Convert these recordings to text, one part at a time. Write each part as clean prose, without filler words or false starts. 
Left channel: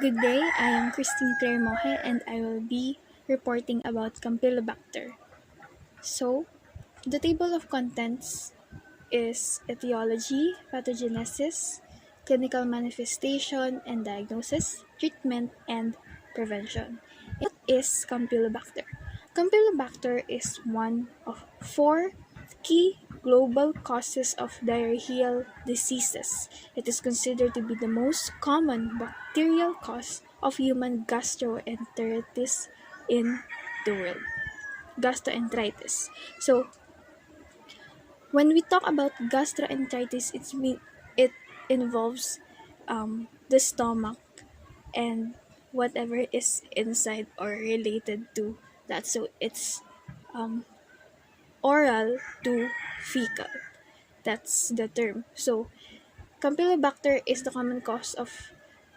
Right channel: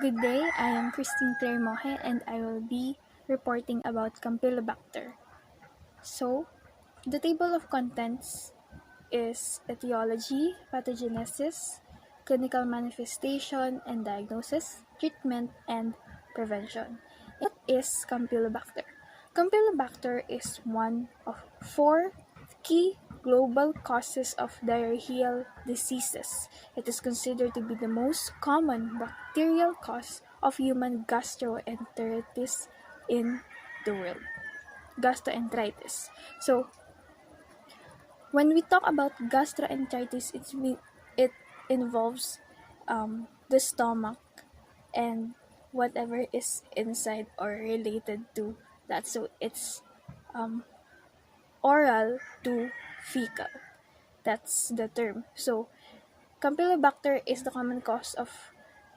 Good day, I am Christine Claire Moje and I will be reporting about Campylobacter. So, the table of contents is etiology, pathogenesis, clinical manifestation and diagnosis, treatment, and prevention. What is Campylobacter? Campylobacter is one of four key global causes of diarrheal diseases. It is considered to be the most common bacterial cause of human gastroenteritis in the world. Gastroenteritis. So, when we talk about gastroenteritis, it involves the stomach and whatever is inside or related to that. So it's um, oral to fecal. That's the term. So Campylobacter is the common cause of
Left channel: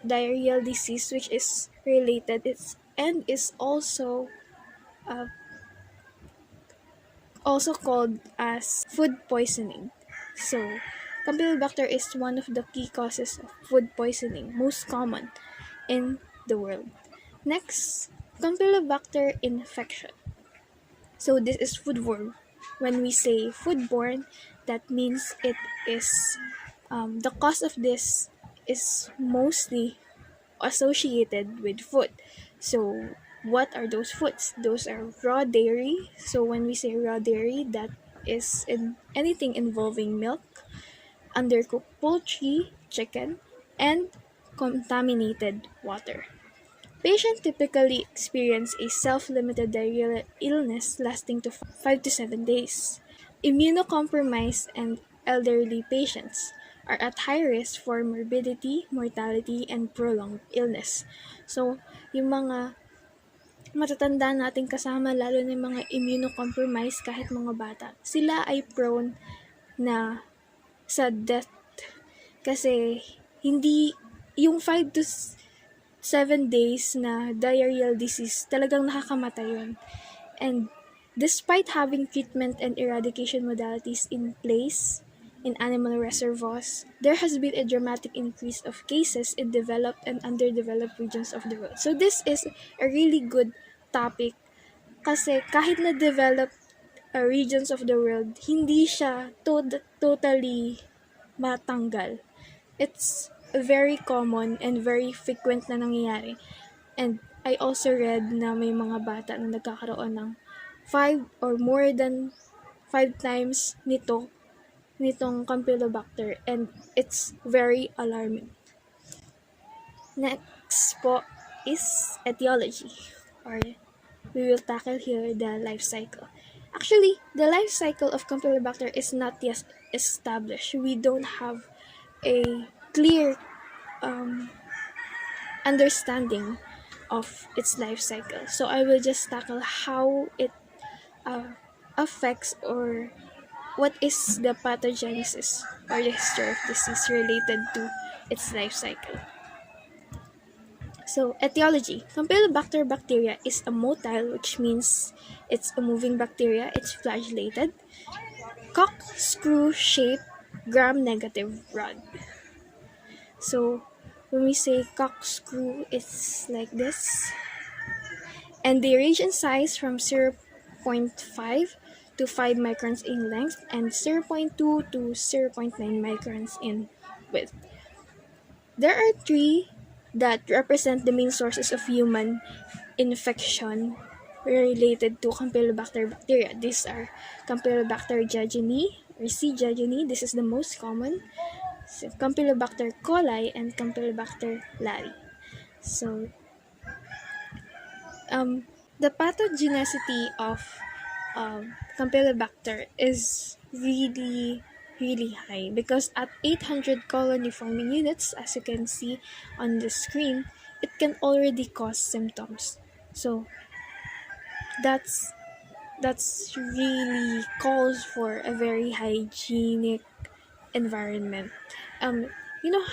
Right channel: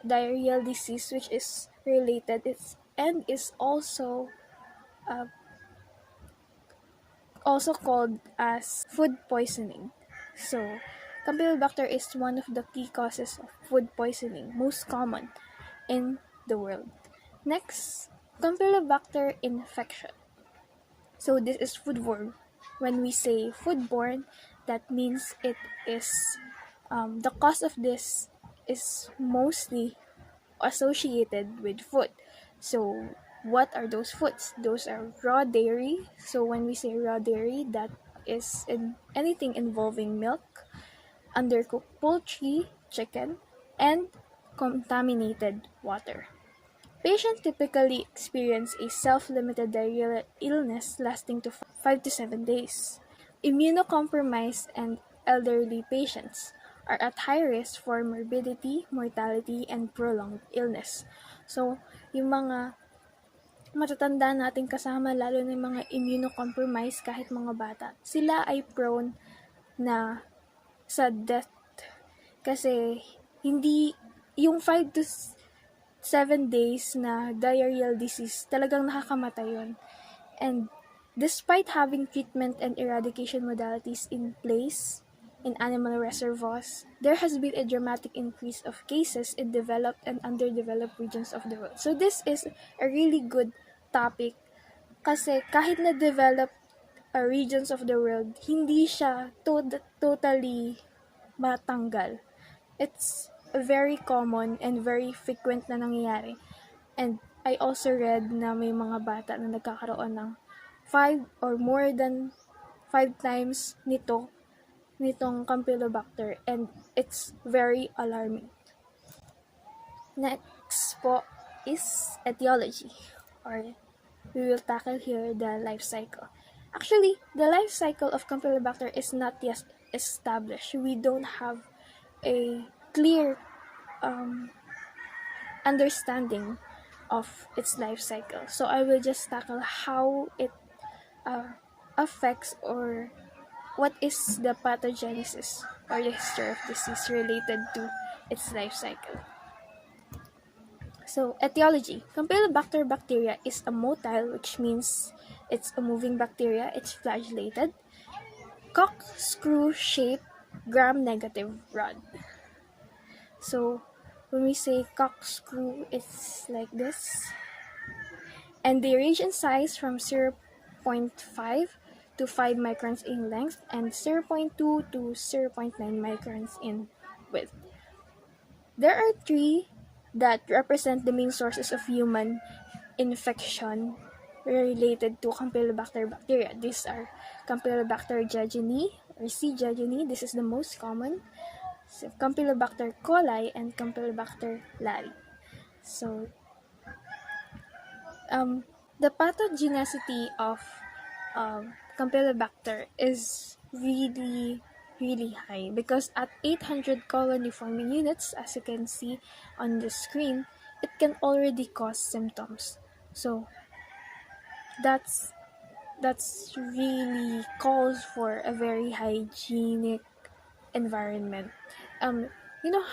diarrheal disease, which is related. Is uh, also called as food poisoning. So, Campylobacter is one of the key causes of food poisoning, most common in the world. Next, Campylobacter infection. So, this is foodborne. When we say foodborne, that means it is the cause of this is mostly associated with food. So, what are those foods? Those are raw dairy. So, when we say raw dairy, that is in anything involving milk, undercooked poultry, chicken, and contaminated water. Patients typically experience a self-limited diarrheal illness lasting to 5 to 7 days. Immunocompromised and elderly patients are at high risk for morbidity, mortality, and prolonged illness. So, yung mga matatanda nating kasama, lalo na yung mga immunocompromised kahit mga bata, sila ay prone na sa death kasi hindi yung 5 to 7 days na diarrheal disease, talagang nakakamatay yun. And despite having treatment and eradication modalities in place in animal reservoirs, there has been a dramatic increase of cases in developed and underdeveloped regions of the world. So this is a really good topic kasi kahit na developed regions of the world, hindi siya totally matanggal. It's very common and very frequent na nangyayari. And I also read na may mga bata na nagkakaroon ng 5 or more than 5 times nitong Campylobacter, and it's very alarming. Next po is etiology, or we will tackle here the life cycle. Actually, the life cycle of Campylobacter is not yet established. We don't have a clear understanding of its life cycle. So I will just tackle how it affects, or what is the pathogenesis or the history of disease related to its life cycle. So, etiology. Campylobacter bacteria is a motile, which means it's a moving bacteria. It's flagellated. Corkscrew-shaped gram-negative rod. So, when we say corkscrew, it's like this. And they range in size from 0.5 to 5 microns in length and 0.2 to 0.9 microns in width. There are three that represent the main sources of human infection related to Campylobacter bacteria. These are Campylobacter jejuni or C. jejuni. This is the most common. Campylobacter coli and Campylobacter lari. So, the pathogenicity of Campylobacter is really high because at 800 colony forming units, as you can see on the screen, it can already cause symptoms. So that's really calls for a very hygienic environment.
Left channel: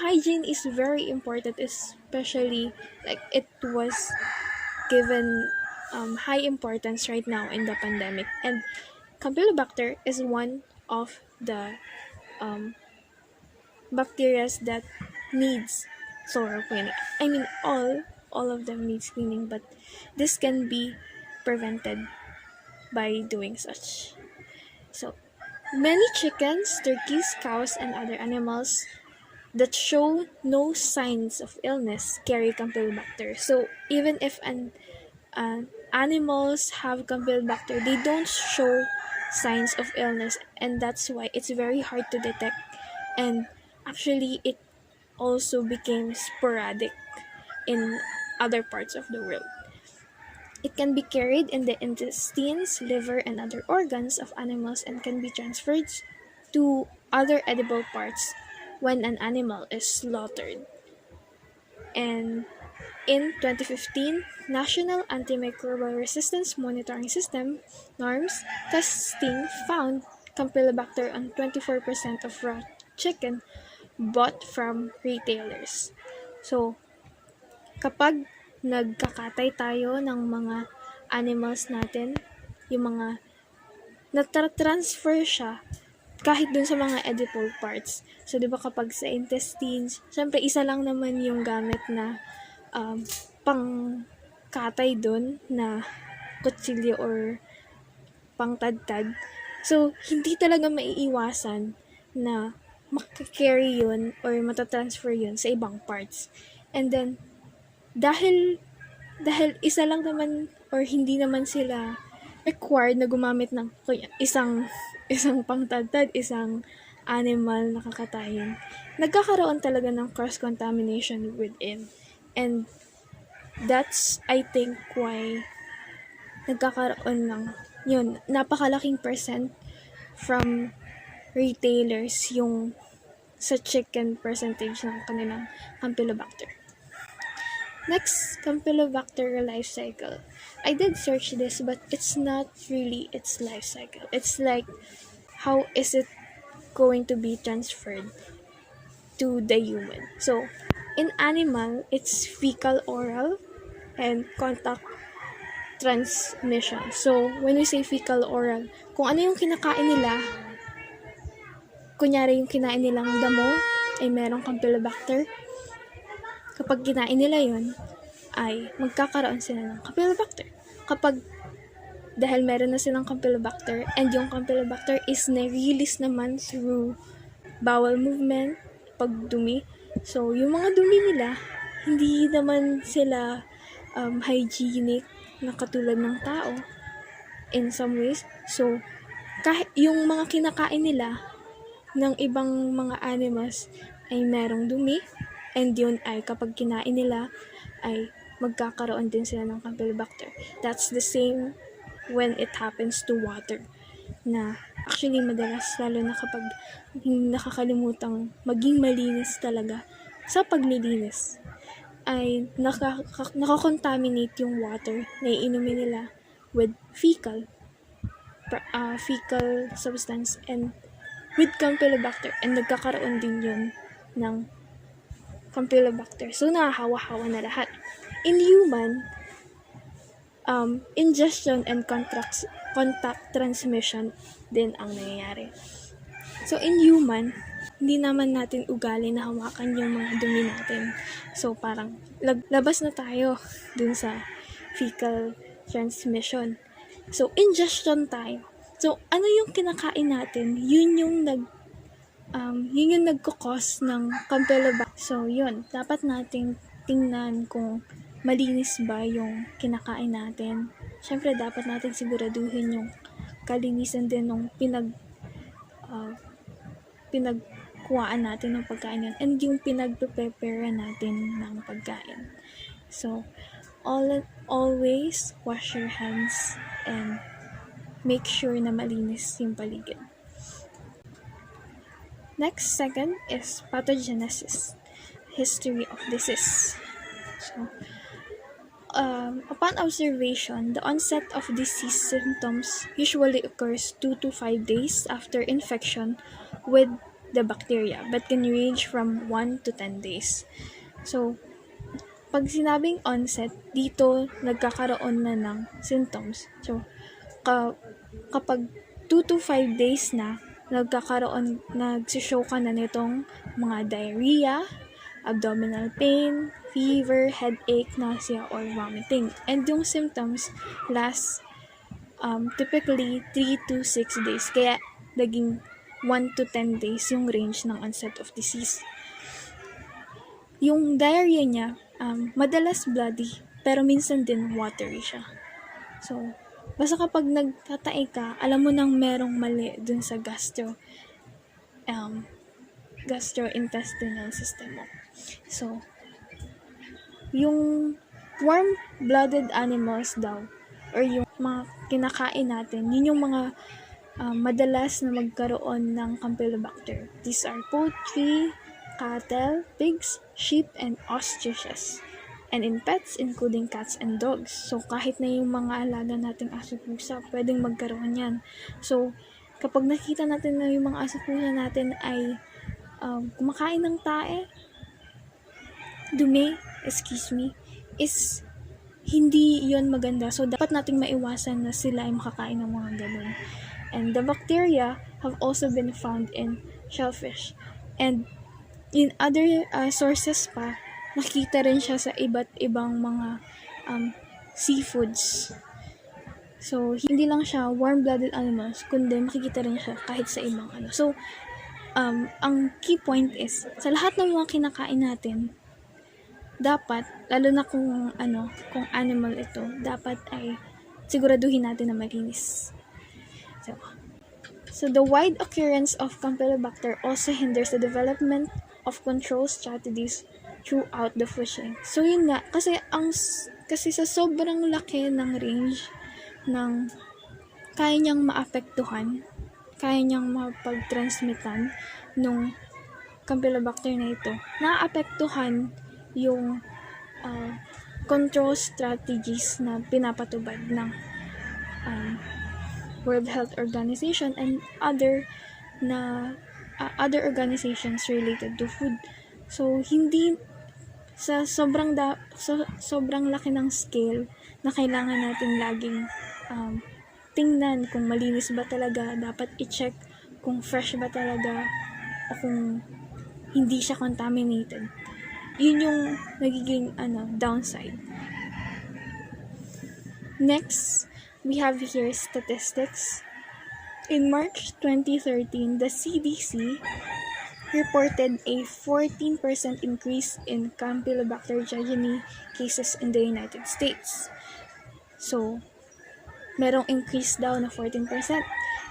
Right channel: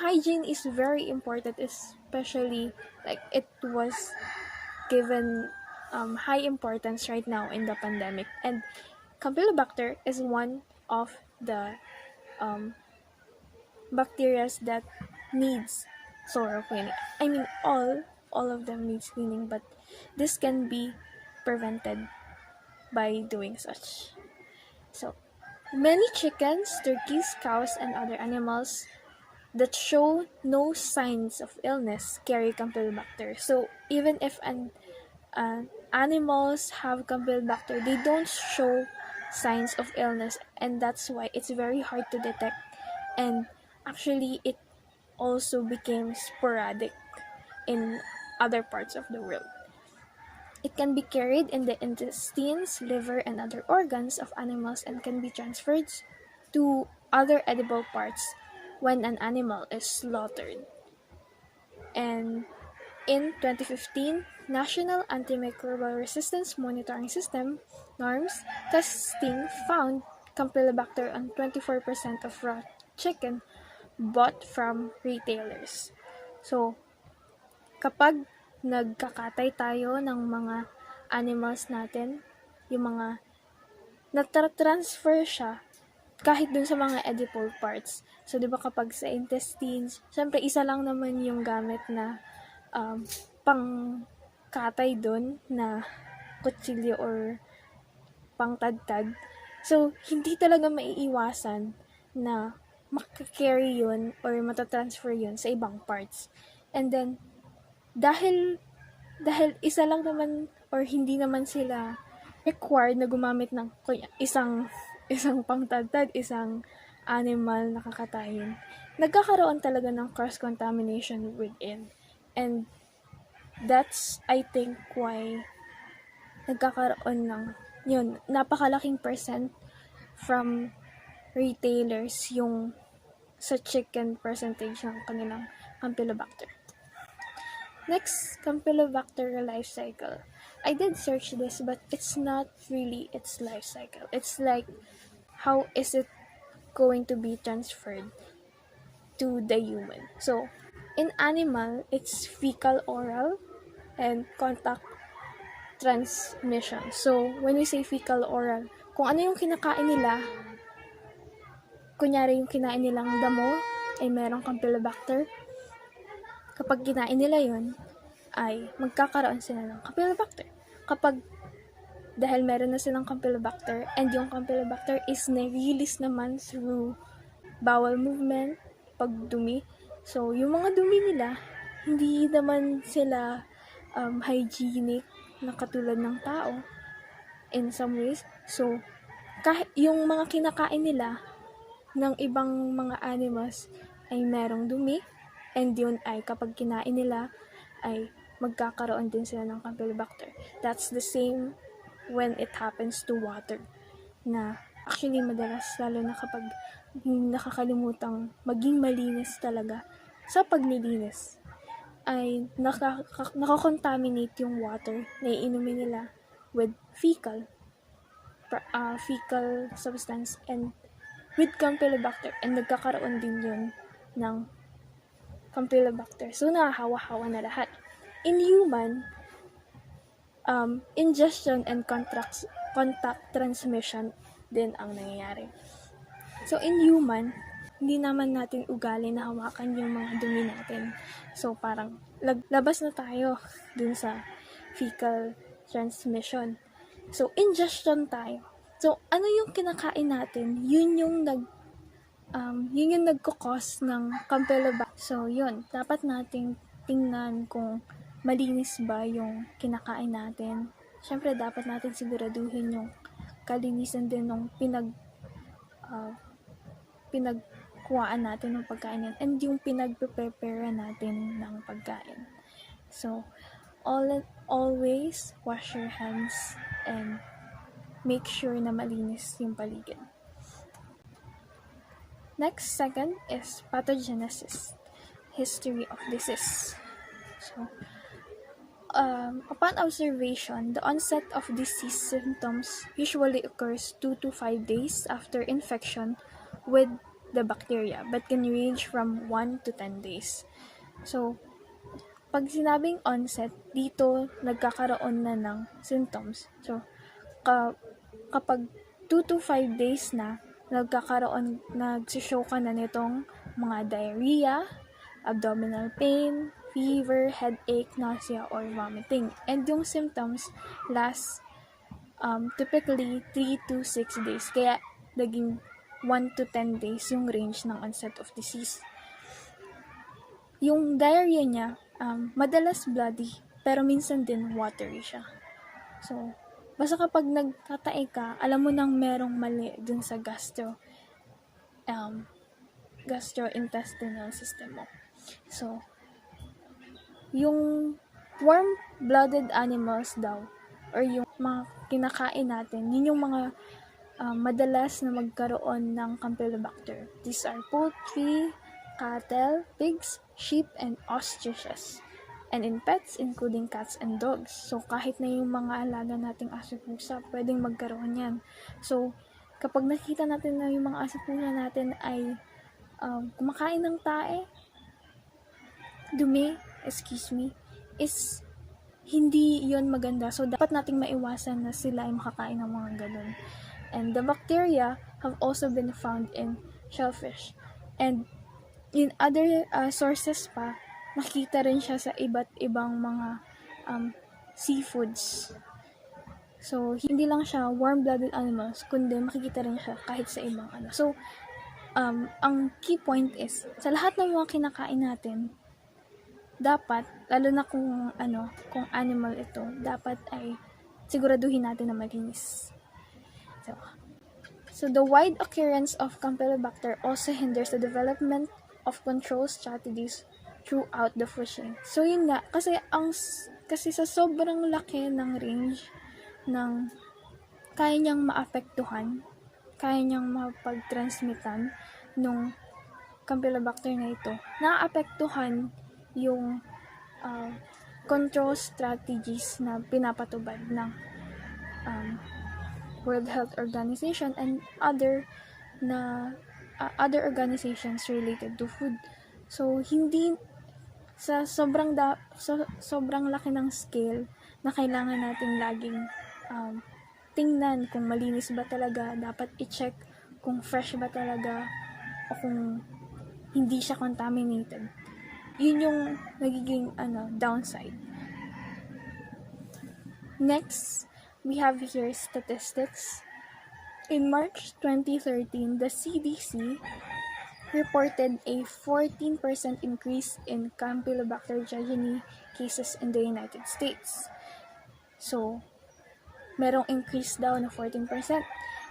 Hygiene is very important, especially like it was given high importance right now in the pandemic. And Campylobacter is one of the bacteria that needs thorough cleaning. I mean, all of them needs cleaning, but this can be prevented by doing such. So, many chickens, turkeys, cows, and other animals that show no signs of illness carry Campylobacter. So, even if animals have Campylobacter, they don't show signs of illness, and that's why it's very hard to detect. And actually, it also became sporadic in other parts of the world. It can be carried in the intestines, liver, and other organs of animals and can be transferred to other edible parts when an animal is slaughtered. And in 2015, National Antimicrobial Resistance Monitoring System (NARMS) testing found Campylobacter on 24% of raw chicken bought from retailers. So, kapag nagkakatay tayo ng mga animals natin, yung mga natra-transfer siya kahit dun sa mga edible parts. So, di ba kapag sa intestines, syempre isa lang naman yung gamit na pang-katay dun na kutsilyo or pang-tadtad. So, hindi talaga maiiwasan na makakarry yun or matatransfer yun sa ibang parts. And then, dahil isa lang naman or hindi naman sila required na gumamit ng isang pangtadtad, isang animal na kakatayin, nagkakaroon talaga ng cross-contamination within. And that's, I think, why nagkakaroon ng napakalaking percent from retailers yung sa chicken percentage ng kanilang Campylobacter. Next, Campylobacter life cycle. I did search this, but it's not really its life cycle. It's like, how is it going to be transferred to the human? So, in animal, it's fecal-oral and contact transmission. So, when we say fecal-oral, kung ano yung kinakain nila, kunyari yung kinain nilang damo, ay merong Campylobacter. Kapag kinain nila yun, ay magkakaroon sila ng Campylobacter. Kapag dahil meron na silang Campylobacter and yung Campylobacter is na-release naman through bowel movement, pagdumi. So, yung mga dumi nila, hindi naman sila hygienic na katulad ng tao in some ways. So, kahit yung mga kinakain nila ng ibang mga animals ay merong dumi, and yun ay kapag kinain nila ay magkakaroon din sila ng Campylobacter. That's the same when it happens to water. Na actually madalas, lalo na kapag nakakalimutang maging malinis talaga sa paglilinis, ay nakakontaminate yung water na iinumin nila with fecal substance and with Campylobacter, and nagkakaroon din yun ng Campylobacter. So, nahahawa-hawa na lahat. In human, ingestion and contact transmission din ang nangyayari. So, in human, hindi naman natin ugali na hawakan yung mga dumi natin. So, parang labas na tayo dun sa fecal transmission. So, ingestion tayo. So, ano yung kinakain natin? Yun yung nagkukos ng Campylobacter. So, yun. Dapat nating tingnan kung malinis ba yung kinakain natin. Siyempre, dapat natin siguraduhin yung kalinisan din ng pinagkuhaan natin ng pagkain yun, and yung pinagpe-prepare natin ng pagkain. So, always wash your hands and make sure na malinis yung paligid. Next, second is pathogenesis, history of disease. So, upon observation, the onset of disease symptoms usually occurs 2 to 5 days after infection with the bacteria, but can range from 1 to 10 days. So, pag sinabing onset, dito nagkakaroon na ng symptoms. So, kapag 2 to 5 days na, nagsishow ka na nitong mga diarrhea, abdominal pain, fever, headache, nausea, or vomiting. And yung symptoms last typically 3 to 6 days. Kaya naging 1 to 10 days yung range ng onset of disease. Yung diarrhea niya, madalas bloody, pero minsan din watery siya. So, basta kapag nagtatae ka, alam mo nang merong mali dun sa gastrointestinal system mo. So, yung warm-blooded animals daw, or yung mga kinakain natin, yun yung mga madalas na magkaroon ng Campylobacter. These are poultry, cattle, pigs, sheep, and ostriches. And in pets, including cats and dogs. So, kahit na yung mga alaga nating aso pusa, pwedeng magkaroon yan. So, kapag nakita natin na yung mga aso pusa natin ay kumakain ng tae, dumi, is hindi yon maganda. So, dapat nating maiwasan na sila ay makakain ng mga ganun. And the bacteria have also been found in shellfish. And in other sources pa, nakita rin siya sa iba't ibang mga seafoods. So, hindi lang siya warm-blooded animals, kundi makikita rin siya kahit sa ibang ano. So, ang key point is, sa lahat ng mga kinakain natin, dapat, lalo na kung animal ito, dapat ay siguraduhin natin na malinis. So the wide occurrence of Campylobacter also hinders the development of control strategies throughout the food chain. So yun nga, kasi sa sobrang laki ng range ng kaya niyang maapektuhan, kaya niyang mapag-transmitan nung Campylobacter na ito, naapektuhan yung control strategies na pinapatubad ng World Health Organization and other organizations related to food. So, hindi sa sobrang laki ng scale na kailangan natin laging tingnan kung malinis ba talaga, dapat i-check kung fresh ba talaga o kung hindi siya contaminated. Yun yung nagiging downside. Next, we have here statistics. In March 2013, the CDC reported a 14% increase in Campylobacter jejuni cases in the United States. So, merong increase daw na 14%.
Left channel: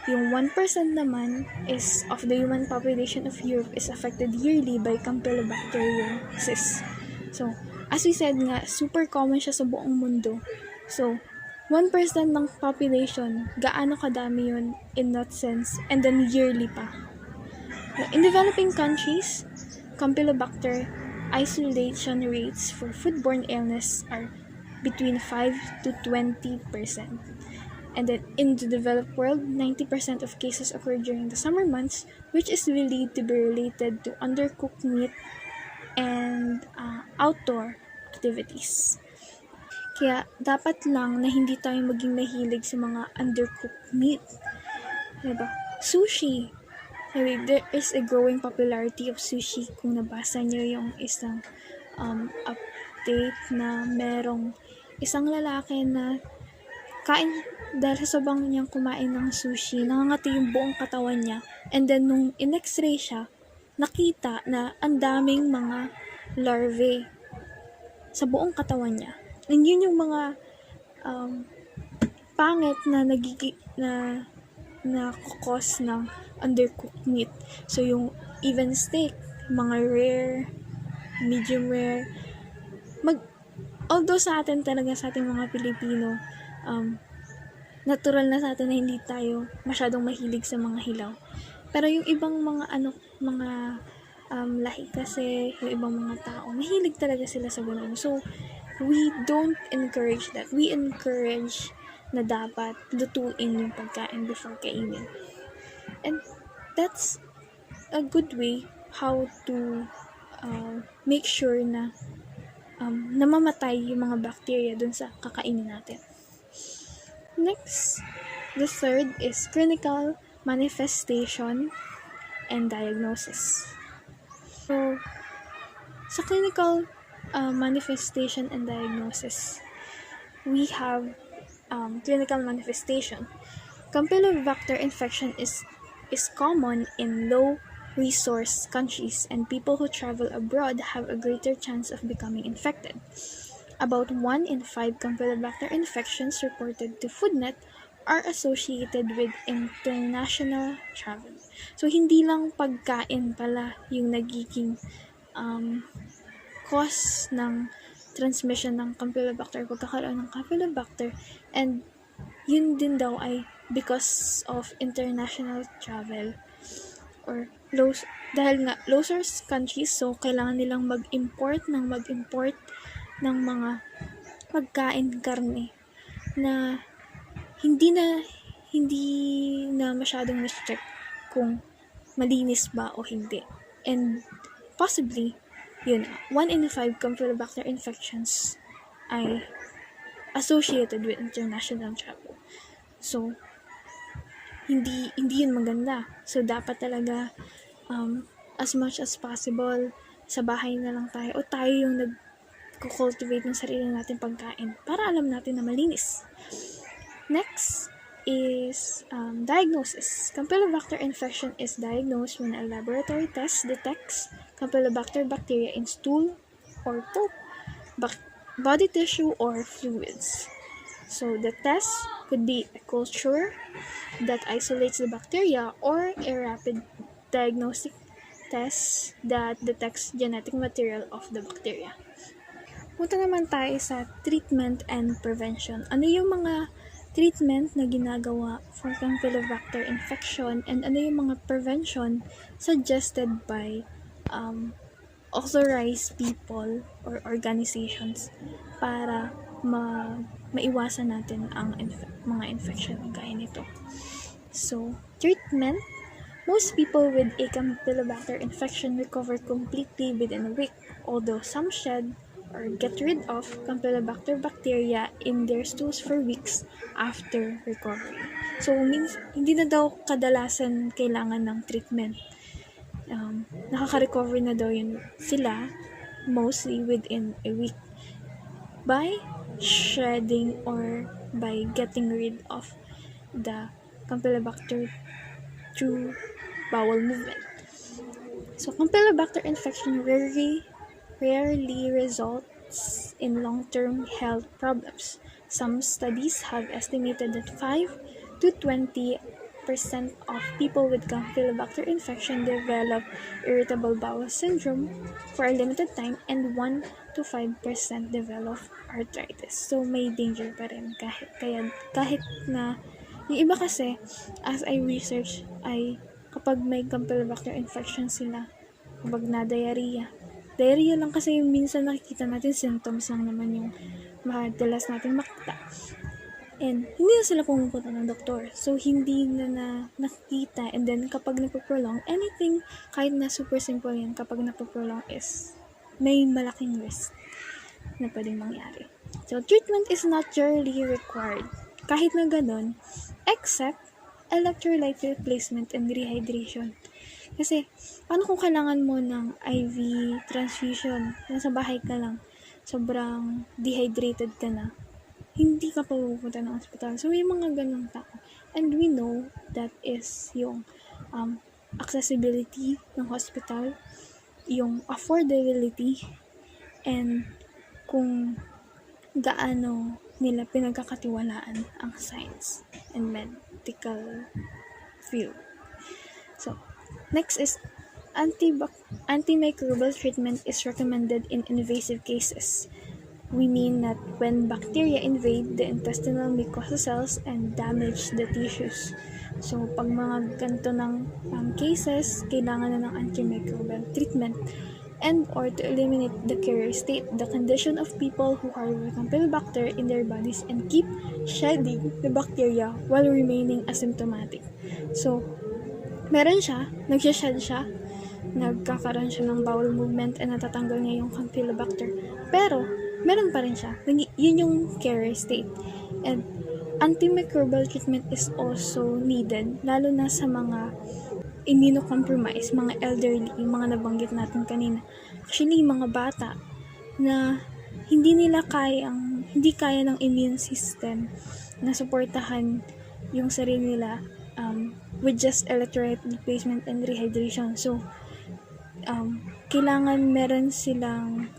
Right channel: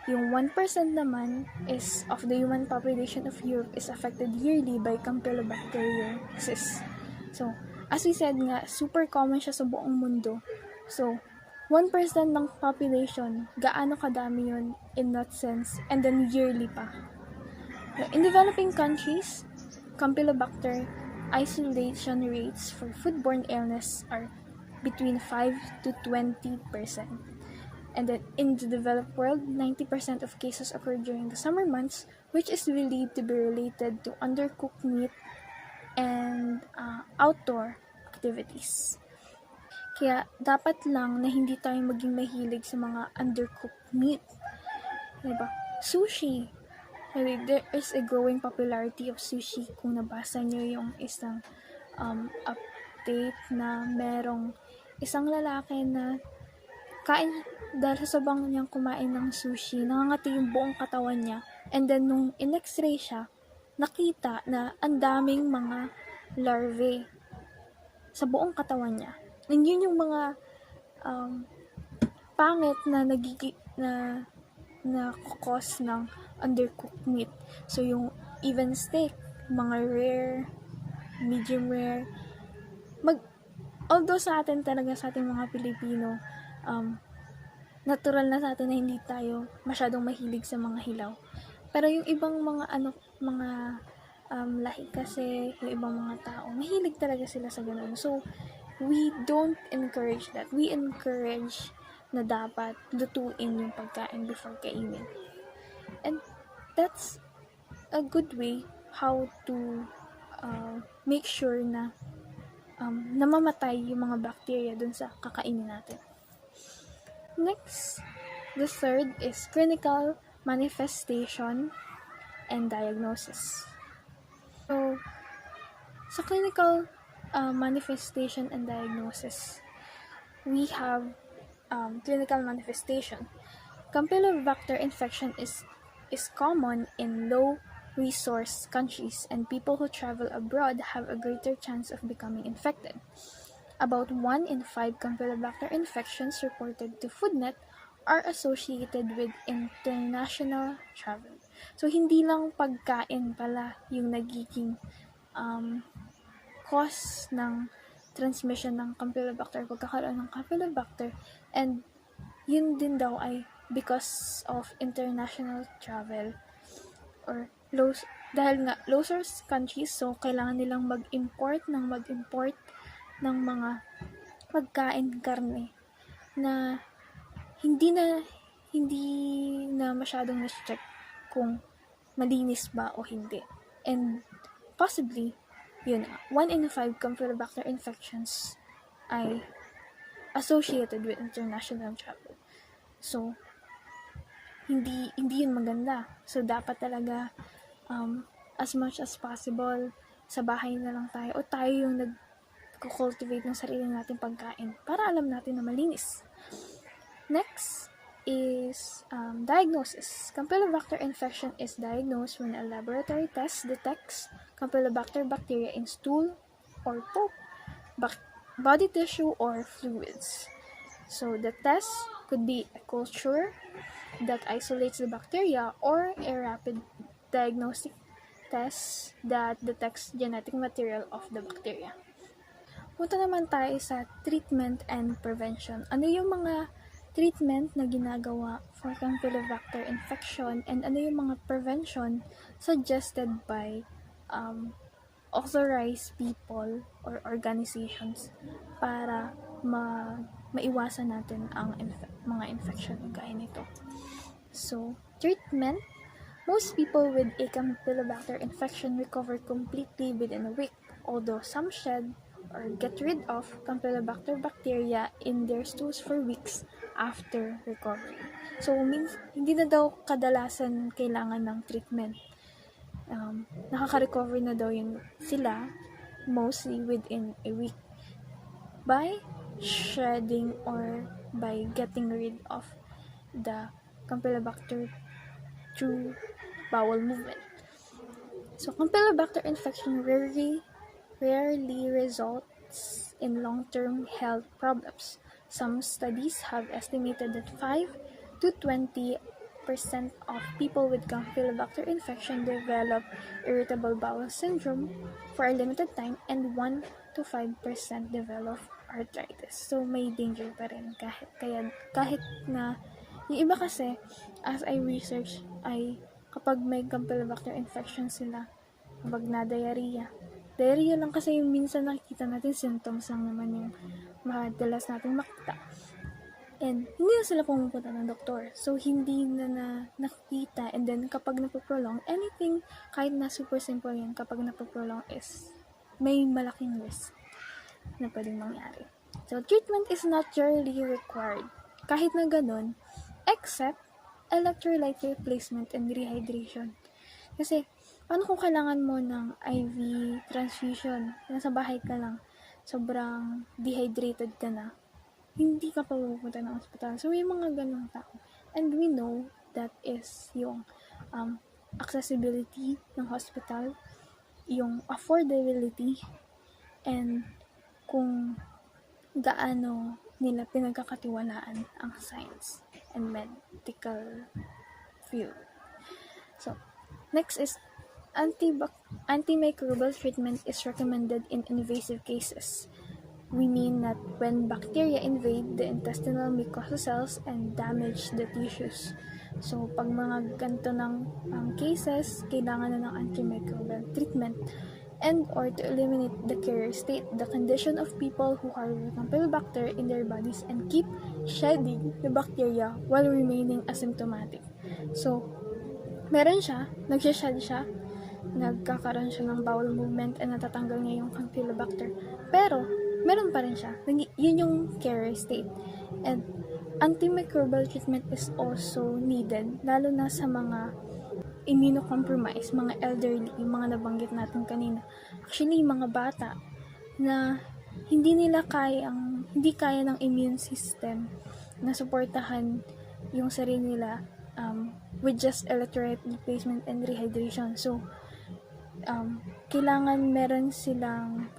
Yung 1% naman is of the human population of Europe is affected yearly by Campylobacteriosis. So, as we said nga, super common siya sa buong mundo. So, 1% ng population, gaano kadami yun in that sense, and then yearly pa. In developing countries, Campylobacter isolation rates for foodborne illness are between 5 to 20%. And then in the developed world, 90% of cases occur during the summer months, which is believed to be related to undercooked meat and outdoor activities. Kaya dapat lang na hindi tayo maging mahilig sa mga undercooked meat. Diba? Sushi. There is a growing popularity of sushi. Kung nabasa niyo yung isang update na merong isang lalaki na kain dahil sa sobrang niyang kumain ng sushi, nangangati yung buong katawan niya. And then, nung in-x-ray siya, nakita na ang daming mga larvae sa buong katawan niya. And yun yung mga pangit na kukos ng undercooked meat. So, yung even steak, mga rare, medium rare, although sa atin talaga, sa ating mga Pilipino, natural na sa atin na hindi tayo masyadong mahilig sa mga hilaw. Pero yung ibang mga lahi kasi, yung ibang mga tao, mahilig talaga sila sa ganun. So, we don't encourage that. We encourage na dapat lutuin yung pagkain before kainin. And that's a good way how to make sure na namamatay yung mga bacteria dun sa kakainin natin. Next, the third is clinical manifestation and diagnosis. So, Sa clinical manifestation and diagnosis, we have clinical manifestation. Campylobacter infection is common in low-resource countries, and people who travel abroad have a greater chance of becoming infected. About 1 in 5 Campylobacter infections reported to FoodNet are associated with international travel. So, hindi lang pagkain pala yung nagiging cause ng transmission ng Campylobacter, pagkakaroon ng Campylobacter, and yun din daw ay because of international travel or dahil nga low source countries, so kailangan nilang mag-import ng mga pagkain, karne na hindi na masyadong na-check kung malinis ba o hindi. And possibly, 1 in 5 Campylobacter infections ay associated with international travel. So, hindi yun maganda. So, dapat talaga as much as possible, sa bahay na lang tayo o tayo yung nag-cultivate ng sarili natin pagkain para alam natin na malinis. Next is diagnosis. Campylobacter infection is diagnosed when a laboratory test detects Campylobacter bacteria in stool or poop, body tissue, or fluids. So the test could be a culture that isolates the bacteria or a rapid diagnostic test that detects genetic material of the bacteria. Punta naman tayo sa treatment and prevention. Ano yung mga treatment na ginagawa for Campylobacter infection, and ano yung mga prevention suggested by authorized people or organizations para maiwasan natin ang mga infection gaya nito. So, treatment. Most people with a Campylobacter infection recover completely within a week, although some shed or get rid of Campylobacter bacteria in their stools for weeks after recovery. So, hindi na daw kadalasan kailangan ng treatment. Nakaka-recover na daw yun sila mostly within a week by shedding or by getting rid of the Campylobacter through bowel movement. So, Campylobacter infection rarely results in long-term health problems. Some studies have estimated that 5 to 20% of people with Campylobacter infection develop irritable bowel syndrome for a limited time, and 1 to 5% develop arthritis. So, may danger pa rin kahit na yung iba kasi, as I research, ay kapag may Campylobacter infection sila, kapag na-diarrhea lang kasi yung minsan nakikita natin, symptoms lang naman yung madalas natin makita. And hindi na sila pumupunta ng doktor. So, hindi na nakikita. And then, kapag napoprolong, anything, kahit na super simple yan, kapag napoprolong is may malaking risk na pwedeng mangyari. So, treatment is not generally required. Kahit na ganun, except electrolyte replacement and rehydration. Kasi, paano kung kailangan mo ng IV transfusion, nasa bahay ka lang, sobrang dehydrated ka na, hindi ka pa pupunta ng hospital. So, may mga ganong tao. And we know that is yung accessibility ng hospital, yung affordability, and kung gaano nila pinagkakatiwalaan ang science and medical field. So, next is antimicrobial treatment is recommended in invasive cases. We mean that when bacteria invade the intestinal mucosa cells and damage the tissues. So, pag mga ganito ng cases, kailangan na ng antimicrobial treatment and or to eliminate the carrier state, the condition of people who harbor Campylobacter in their bodies and keep shedding the bacteria while remaining asymptomatic. So, meron siya, nagsha-shed siya, nagkakaroon siya ng bowel movement and natatanggal niya yung Campylobacter. Pero, meron pa rin siya. Yun yung carrier state. And antimicrobial treatment is also needed, lalo na sa mga immunocompromised, mga elderly, mga nabanggit natin kanina, Actually, mga bata na hindi kaya ng immune system na suportahan yung sarili nila with just electrolyte replacement and rehydration. So, kailangan meron silang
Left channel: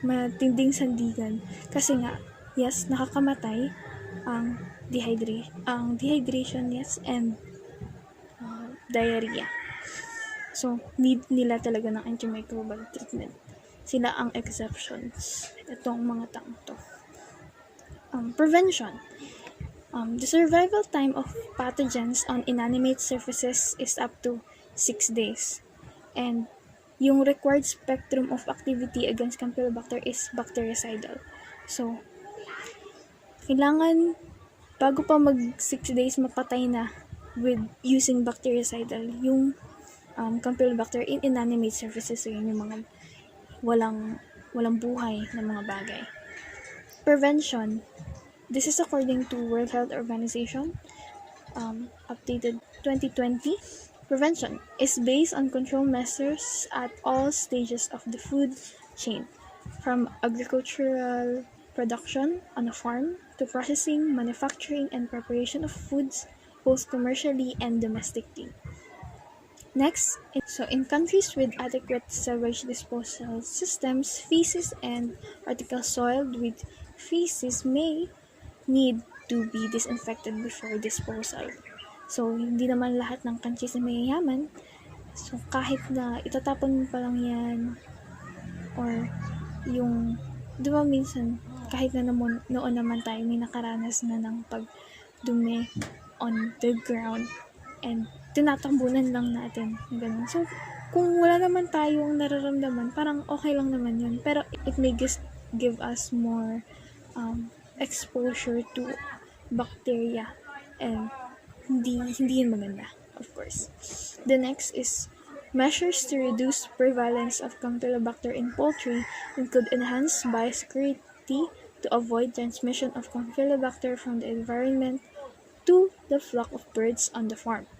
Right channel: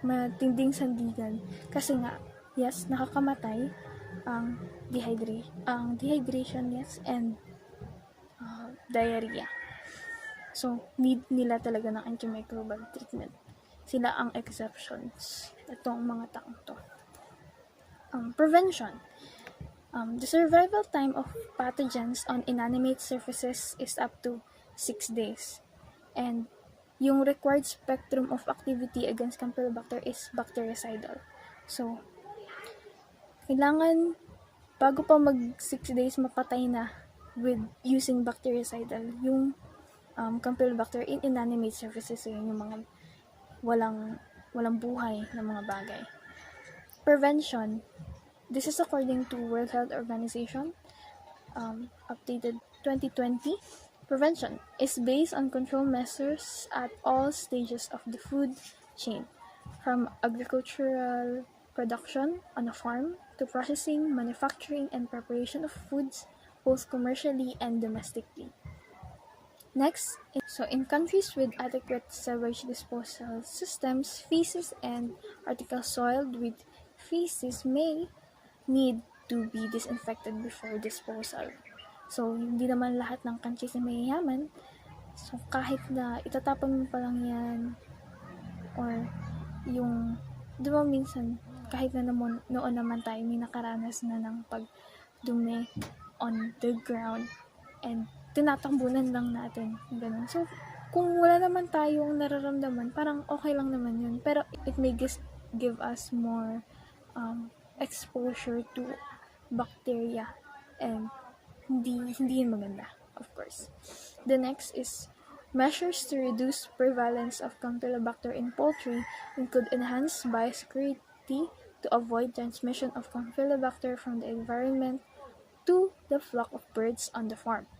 matinding sandigan kasi nga, yes, nakakamatay ang dehydration, yes, and diarrhea. So, need nila talaga ng antimicrobial treatment. Sila ang exceptions. Itong mga taong to. Prevention. The survival time of pathogens on inanimate surfaces is up to 6 days. And yung required spectrum of activity against Campylobacter is bactericidal. So, kailangan bago pa mag 6 days mapatay na with using bactericidal yung Campylobacter in inanimate surfaces. So, yun yung mga walang buhay na mga bagay. Prevention. This is according to World Health Organization, updated 2020. Prevention is based on control measures at all stages of the food chain, from agricultural production on a farm to processing, manufacturing, and preparation of foods, both commercially and domestically. Next, in countries with adequate sewage disposal systems, feces and articles soiled with feces may need to be disinfected before disposal. So, hindi naman lahat ng countries na mayayaman. So, kahit na itatapon mo pa lang yan, or yung, di ba minsan, kahit na noon naman tayo, may nakaranas na ng pagdumi on the ground, and tinatambunan lang natin. Ganun. So, kung wala naman tayong nararamdaman, parang okay lang naman yun. Pero, it may give us more exposure to bacteria, and hindi yun maganda, of course. The next is measures to reduce prevalence of Campylobacter in poultry include enhanced biosecurity to avoid transmission of Campylobacter from the environment to the flock of birds on the farm.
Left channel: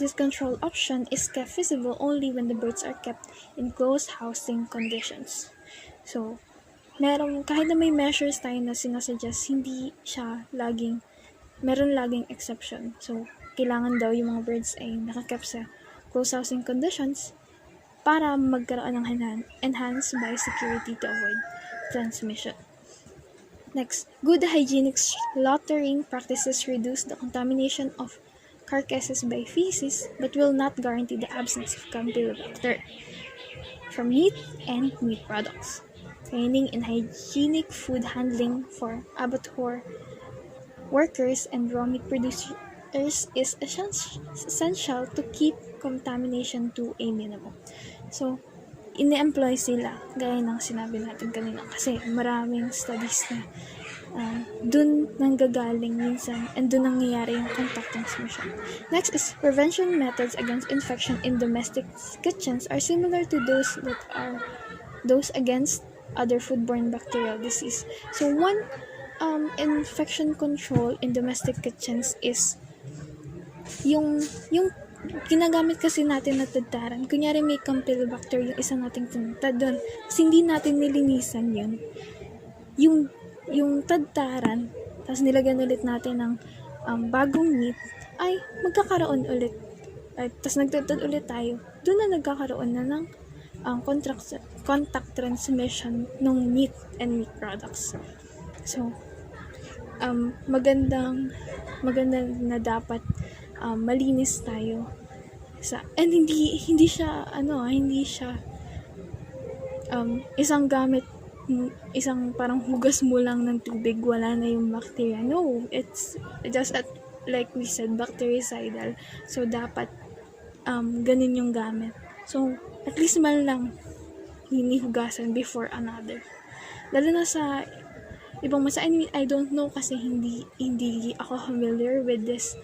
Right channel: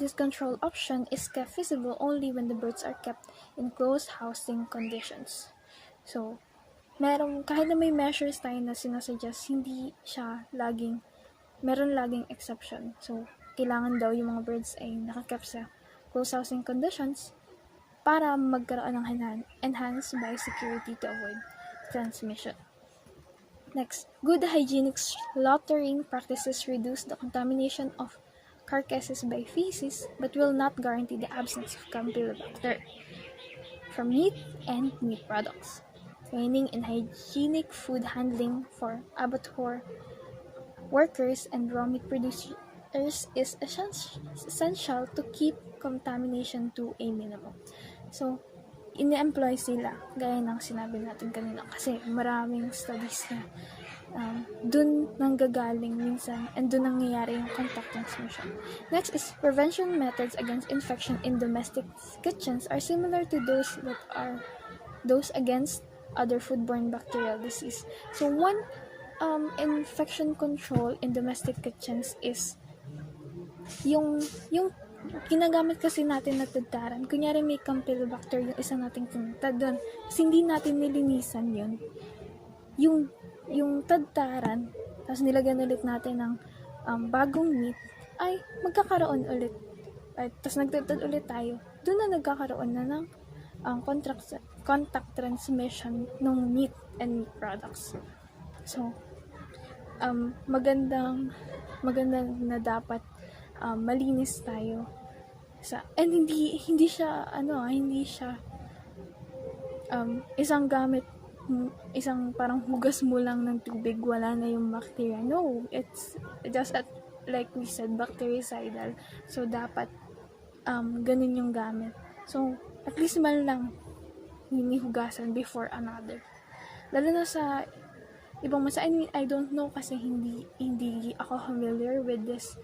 This control option is kept feasible only when the birds are kept in closed housing conditions. So, kahit na may measures tayo na sinasuggest, hindi siya meron laging exception. So, kailangan daw yung mga birds ay nakakep sa closed housing conditions para magkaroon ng enhanced biosecurity to avoid transmission. Next, good hygienic slaughtering practices reduce the contamination of carcasses by feces but will not guarantee the absence of Campylobacter from meat and meat products. Training in hygienic food handling for abattoir workers and raw meat producers is essential to keep contamination to a minimum. So, ini-employ sila, gaya ng sinabi natin kanina, kasi maraming studies na dun nanggagaling minsan and dun nangyayari yung contact transmission. Next is prevention methods against infection in domestic kitchens are similar to those against other foodborne bacterial disease. So, one infection control in domestic kitchens is yung ginagamit kasi natin na tadtaran. Kunyari may Campylobacter yung isa nating tinatad doon. Kasi hindi natin nilinisan yun. Yung tadtaran, tapos nilagyan ulit natin ng bagong meat, ay magkakaroon ulit. Tapos nagtadtad ulit tayo. Doon na nagkakaroon na ng contact transmission ng meat and meat products. So, maganda na dapat malinis tayo and hindi siya isang parang hugas mo lang ng tubig, wala na yung bacteria. No, it's just like we said, bactericidal. So dapat ganun yung gamit. So at least man lang hinihugasan before another. Lalo na sa ibang masa, I don't know kasi hindi ako familiar with this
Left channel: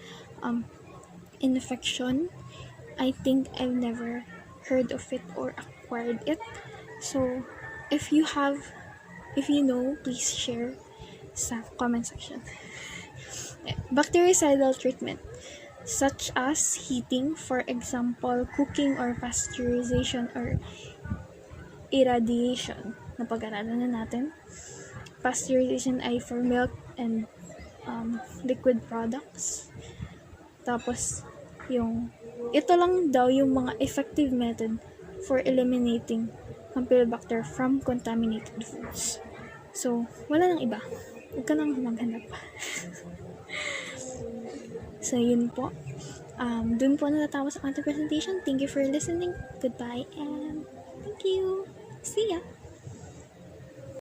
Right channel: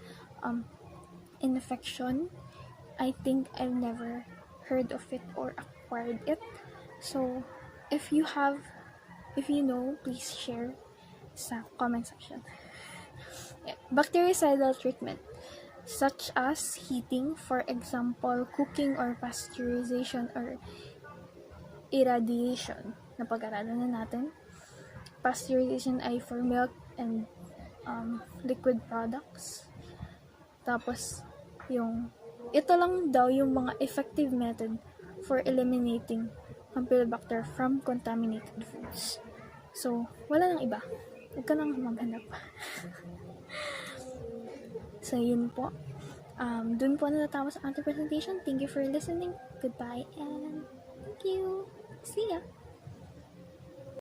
infection. I think I've never heard of it or acquired it. So, if you know, please share sa comment section. Bactericidal treatment, such as heating, for example, cooking or pasteurization or irradiation na pag-aralan na natin. Pasteurization ay for milk and liquid products. Tapos, ito lang daw yung mga effective method for eliminating Campylobacter from contaminated foods. So, wala nang iba. Huwag ka nang maghanap pa. So, yun po. Dun po natatapos ang ating presentation. Thank you for listening. Goodbye and thank you. See ya!